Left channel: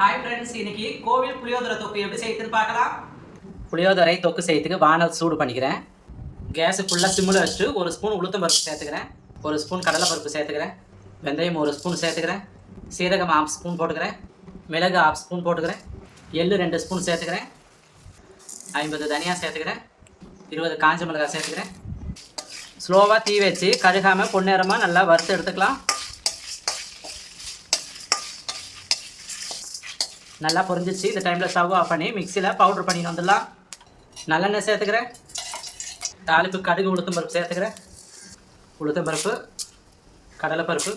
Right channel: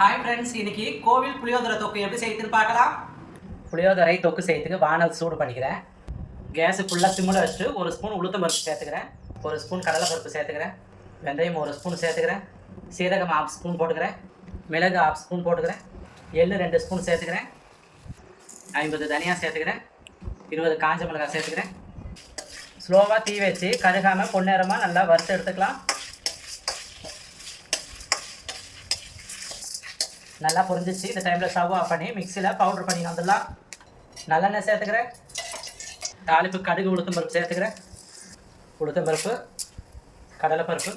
Hi friends, இன்னைக்கு கோவில் புளியோதரை தொக்கு எப்படி செய்யுதுன்னு பார்க்கலாம். புளியோதரை தொக்கு செய்யறதுக்கு வானல் சூடு பண்ணிக்கிறேன். கேஸு ஃபுல்லாக சிம்மில் வச்சுட்டு ஒரு ஸ்பூன் உளுத்தம் பருப்பு சேர்த்துக்கிறேன், ஒரு ஸ்பூன் கடலை பருப்பு சேர்த்துக்கிறேன், வெந்தயம் ஒரு ஸ்பூன் சேர்த்துக்கிறேன், சீரகம் 1/2 ஸ்பூன் போட்டுக்கிறேன், மிளகு 1/2 ஸ்பூன் போட்டுக்கிறேன், எள்ளு 2 ஸ்பூன் சேர்த்துக்கிறேன், 50 தனியா சேர்த்துக்கிறேன், 20 காஞ்ச மிளகாய் சேர்த்துக்கிறேன். ஸ்லோவாக தீ வச்சு கருகாமல் பொன்னிறமாக நல்லா வறுத்து எடுத்துக்கலாம். நல்லா பொரிஞ்சிச்சு. இந்த டைமில் ஸ்டவ் ஆஃப் பண்ணி மிக்சியில் பவுட்ரு பண்ணி வந்துடலாம். நல்லெண்ணெய் சேர்த்துக்கிறேன், தாளிப்பு கடுகு உளுத்தம் பருப்பு சேர்த்துக்கிறேன், உளுத்தம் பருப்பு, கடலைப்பருப்பு,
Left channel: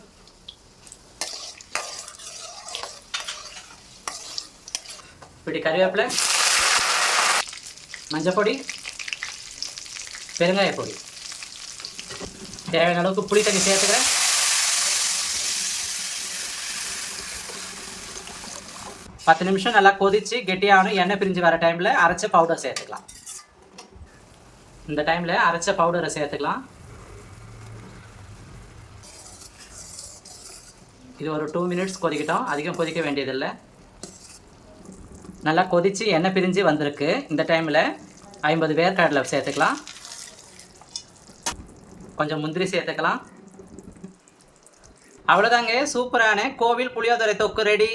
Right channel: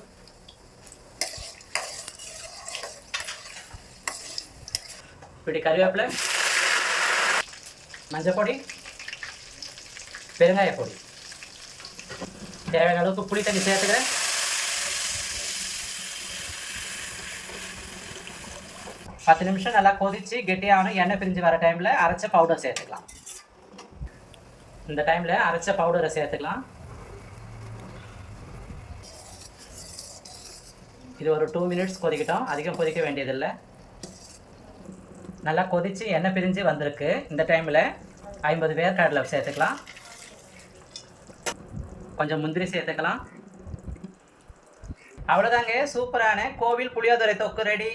இப்படி கறிவேப்பிலை, மஞ்சள் பொடி, பெருங்காய பொடி, தேவையான அளவுக்கு புளி தண்ணி சேர்த்துக்கிறேன். பத்து நிமிஷம் நல்லா கொதிச்சு கெட்டியாகணும். எண்ணெய் பிரிஞ்சு வர டைமில் அரைச்ச பவுடர் சேர்த்துக்கலாம். இந்த டைமில் அரைச்ச பவுடரை சேர்த்துக்கலாம். இது ஒரு 2 மினிட்ஸ் கொதிக்கட்டும், அதிகம் கொதிக்க வேண்டியதில்லை. நல்லா கொதிச்சு எண்ணெய் பிரிஞ்சு வந்திருக்கு. இந்த டைமில் 50 வேர்க்கடலை சேர்த்துக்கலாம், கொஞ்சம் முந்திரி சேர்த்துக்கலாம். அவ்வளோதாங்க, சூப்பரான கோவில் புளியோதரை தொக்கு ரெடி.